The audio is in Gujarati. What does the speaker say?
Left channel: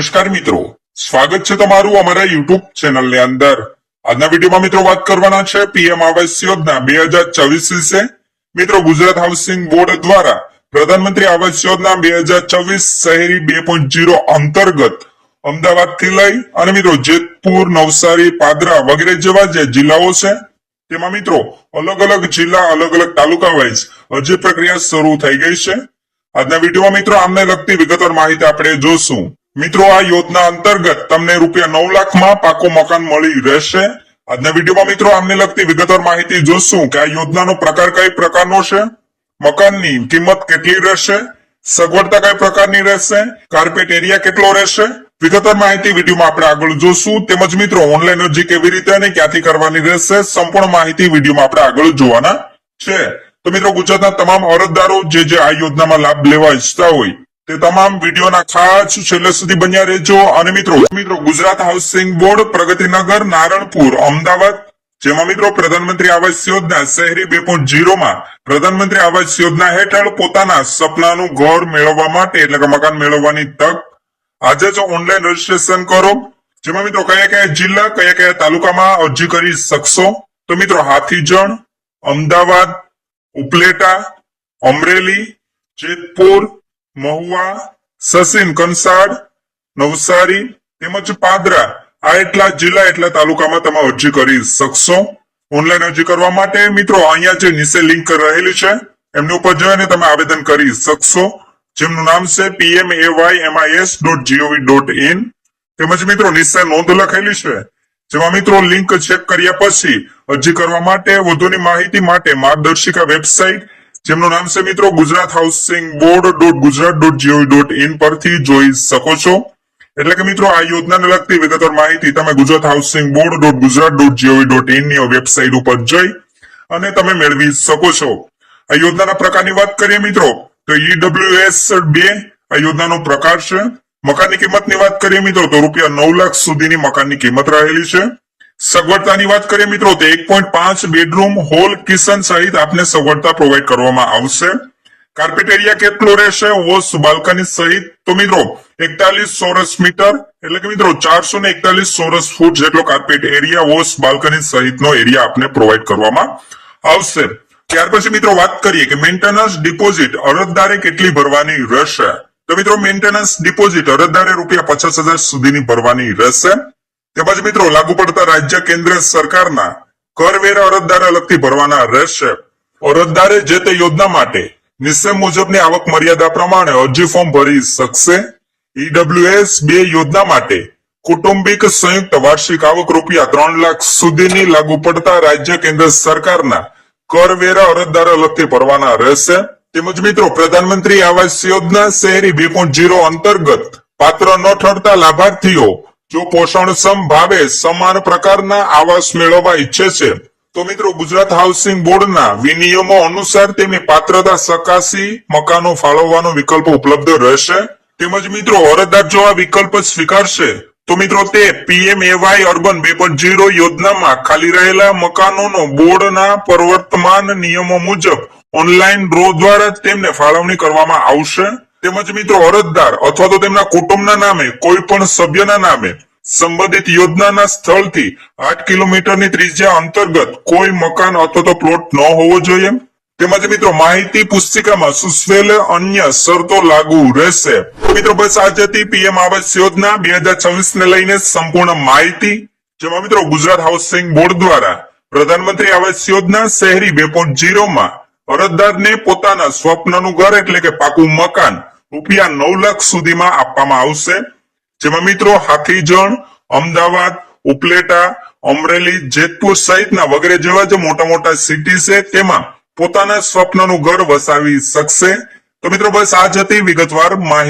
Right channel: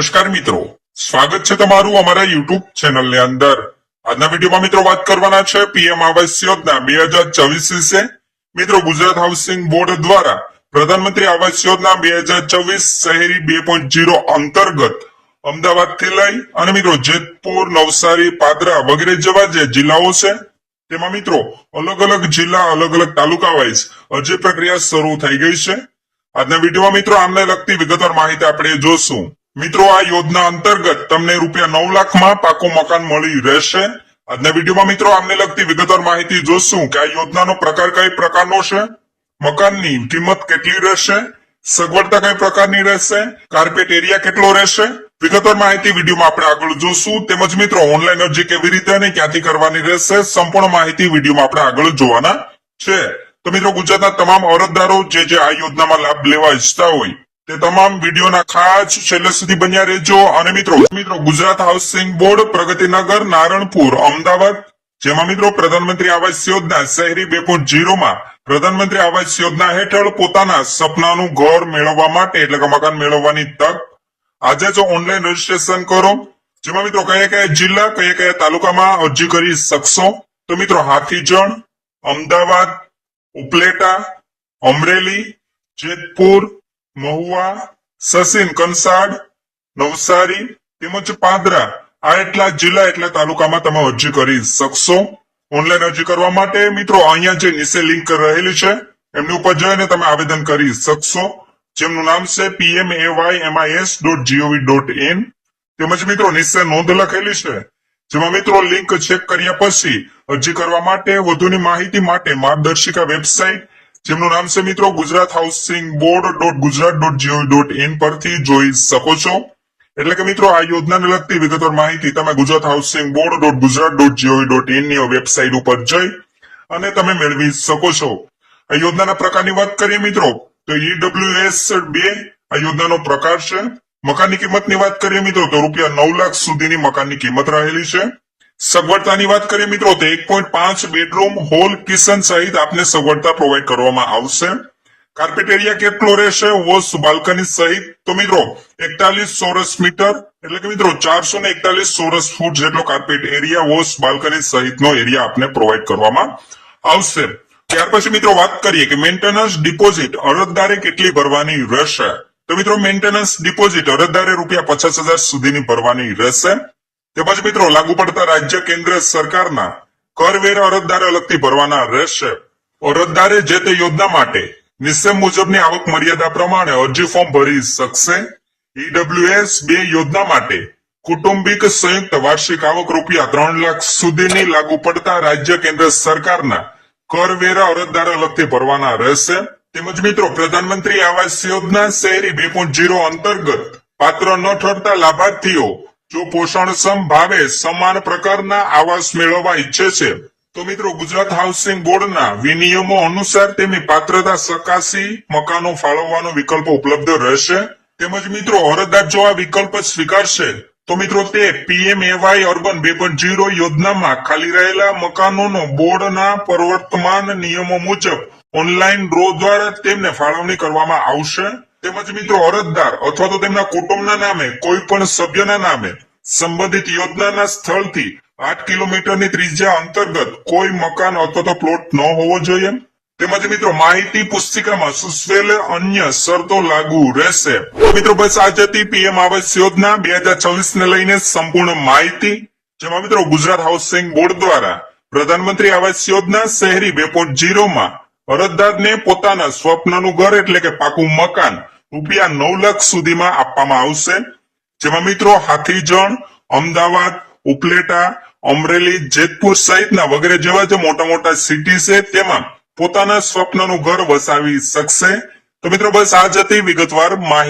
નમસ્કાર મિત્રો, સ્વાગત છે તમારું અમારા યુટ્યુબ ચેનલ ની અંદર। આજના વિડીયોમાં મિત્રો વાત કરવાના છે પીએમ આવાસ યોજના 2024 વિશે। મિત્રો, ગુજરાત હાઉસિંગ બોર્ડ દ્વારા પ્રધાનમંત્રી આવાસ યોજના 2024 શહેરી 2.0 અંતર્ગત અમદાવાદ થી લઈ અને મિત્રો જેતપુર, નવસારી, પાદરા વગેરે જેવા જે જિલ્લાઓ છે તેમાં મિત્રો અલગ અલગ જિલ્લા, અલગ અલગ તાલુકા વાઇઝ અરજી પ્રક્રિયા શરૂ થઈ ગઈ છે। આજના વિડીયોમાં મિત્રો આમને લગતી વિગતવાર માહિતી આપણે જોશું। મિત્રો, આ યોજના અંતર્ગત તમને ₹9 લાખમાં પાકું મકાન મળી રહેશે। આજના વિડીયોમાં મિત્રો આમને લગતી વિગતવાર માહિતી જોશું કે આ યોજનાનો પ્રકાર કઈ પ્રકારનો છે, મકાનની કિંમત કેટલી રહેશે, સગવડતા કઈ પ્રકારની રહેશે, કાર્પેટ એરિયા કેટલો રહેશે, વિગતવાર માહિતી વિડીયોમાં આપણે આગળ જોશું। તેમજ મિત્રો ઓનલાઈન અરજી કેવી રીતે અને ક્યાંથી કરવાની રહેશે, સંપૂર્ણ માહિતી વિડીયોમાં આપણે આગળ જોવાના છે। તો મિત્રો, ગુજરાતના તમામ અરજદારો જે આ યોજનામાં લાભ લેવા ઈચ્છતા હોય તે તમામ વિડીયોના ખાસ છેલ્લે સુધી બન્યા રહેજો। અને મિત્રો ગુજરાત હાઉસિંગ બોર્ડ, પ્રગતિનગર, નારણપુર, અમદાવાદ, જેમાં મિત્રો પ્રધાનમંત્રી આવાસ યોજના શહેરી 2.0 માં પ્રધાનમંત્રી આવાસ યોજના હેઠળ પોતાના સપનાનું ઘર મેળવવા માટે એટલે કે મકાન મેળવવાની તક આજે જ ઓનલાઈન રજીસ્ટ્રેશન કરો। જેમાં મિત્રો કયા કયા જિલ્લા, કયા કયા તાલુકામાં અરજી કરી શકશો, તો મિત્રો હાથીજણ, અમદાવાદ, ઉપલેટા, અમરેલી, જેતપુર, મહુવા, સસેન, કંસાડ, નવસારી તેમજ પાદરા, આ એટલા જિલ્લા એટલા તાલુકામાં તમે અરજી કરી શકશો। ઓનલાઈન અરજી કરવા માટે મિત્રો અહીંયા જે નીચે લિંક રહેલી છે એમની ઉપર જઈને તમે આવેદન કરી શકશો, જેમનું નામ છે pmaymis.gov.in। તેમજ મિત્રો નીચે નોંધ લખેલી છે, જેમાં મિત્રો લિંક ચેક કર્યા પછી અરજી કરવા માટે વધુની માહિતી માટે માર્ગદર્શિકા વેબસાઇટ, જેમનું નામ છે મિત્રો ગુજરાત હાઉસિંગ board.gujarat.gov.in પરથી જોઈ શકો છો। એટલે કે મિત્રો આ યોજનાને લગતી વિગતવાર માહિતી તમે ગુજરાત હાઉસિંગ board.gujarat.gov.in ની વેબસાઇટ ઉપર જઈ અને તમે મેળવી શકો છો। આ યોજનાના પ્રકારની વાત કરીએ મિત્રો તો EWS 2 આ યોજનાનો પ્રકાર છે। મકાનની કિંમતની વાત કરીએ મિત્રો તો ₹9 લાખ સુધીની મકાનની કિંમત રહેલી છે। સગવડતાની વાત કરીએ મિત્રો તો 1.5 બેડરૂમ, હોલ, કિચન સહિત આપને સગવડતા પ્રોવાઈડ કરવામાં આવશે। કાર્પેટ એરિયા કેટલો રહેશે, વોશ, બાલ્કની સહિત, તો મિત્રો 41 ચોરસ મીટર એટલે કે મિત્રો 441 ચોરસ ફૂટ જેટલો કાર્પેટ એરિયા, વોશ, બાલ્કની સહિતનો એરિયા આપને પ્રોવાઈડ કરવામાં આવશે। ત્યાર પછી મિત્રો વાત કરીએ કે મેન્ટેનન્સ ડિપોઝિટ અરજદારે કેટલી ભરવાની રહેશે, તો મિત્રો મેન્ટેનન્સ ડિપોઝિટ અરજદારે ₹50,000 સુધીની ભરવાની રહેશે। તેમજ મિત્રો લાગુ પડતા રાજ્ય, કેન્દ્ર સરકારના કરવેરા અરજદારે અલગથી ભરવાના રહેશે। અરજદારે જે તે યોજના માટે નીચે મુજબની આવક મર્યાદા પ્રમાણે અરજી ફોર્મ ભરી શકશે। EWS 2 યોજના માટે કુટુંબિક સંયુક્ત વાર્ષિક આવક ₹3 લાખ સુધીની લાગુ પડતા રાજ્ય, કેન્દ્ર સરકારના કરવેરા અરજદારે અલગથી ભરવાના રહેશે। તેમજ મિત્રો પ્રધાનમંત્રી આવાસ યોજના શહેરી 2.0 અંતર્ગત પાત્ર ન ઠરતા લાભાર્થીઓ જો પોષણક્ષમ ભાવે સમાન પ્રકારના આવાસ મેળવવા ઈચ્છે છે તો મિત્રો ગુજરાત હાઉસિંગ બોર્ડના વિનિયમો અનુસાર તેમની પાત્રતા ચકાસી મકાનો ફાળવવાનો વિકલ્પ ઉપલબ્ધ રહેશે। તેમજ મિત્રો અરજદાર જો આ વિકલ્પ સ્વીકારશે તો મિત્રો તે PMAY અર્બન 2.0 યોજનામાં ખાલી રહેલા મકાનોનો બોર્ડના પ્રવર્તમાન નિયમો મુજબ ઓનલાઈન ડ્રો દ્વારા તેમને ફાળવણી કરવામાં આવશે। તેમજ મિત્રો અરજદાર અથવા તો તેમના કુટુંબના નામે કોઈ પણ સભ્યના નામે સંબંધિત યોજનાના સ્થળથી 8 કિલોમીટરની ત્રિજ્યા અંતર્ગત કોઈ મકાન અથવા તો પ્લોટ ન હોવો જોઈએ। તેમજ મિત્રો માહિતી પુસ્તિકામાં સૂચવેલ અન્ય શરતો લાગુ રહેશે। મિત્રો બસ આ હતી પીએમ આવાસ યોજના 2024 ને લઈને સંપૂર્ણ માહિતી, જેમાં મિત્રો ગુજરાત હાઉસિંગ બોર્ડ દ્વારા પ્રધાનમંત્રી આવાસ યોજના શહેરી 2.0 માં અરજદારને પોતાના સ્વપ્નનું ઘર એટલે કે પાકું મકાન ₹9 લાખ સુધીમાં આપવામાં આવશે। જેમાં મિત્રો હાથીજણ, અમદાવાદ, ઉપલેટા, અમરેલી, જેતપુર સહિતના વગેરે જેવા જે મોટા મોટા સિટી છે તેમાં પોતાના સ્વપ્નનું ઘર વસાવી શકશે। તો મિત્રો બસ આ જ હતી વિગતવાર માહિતી।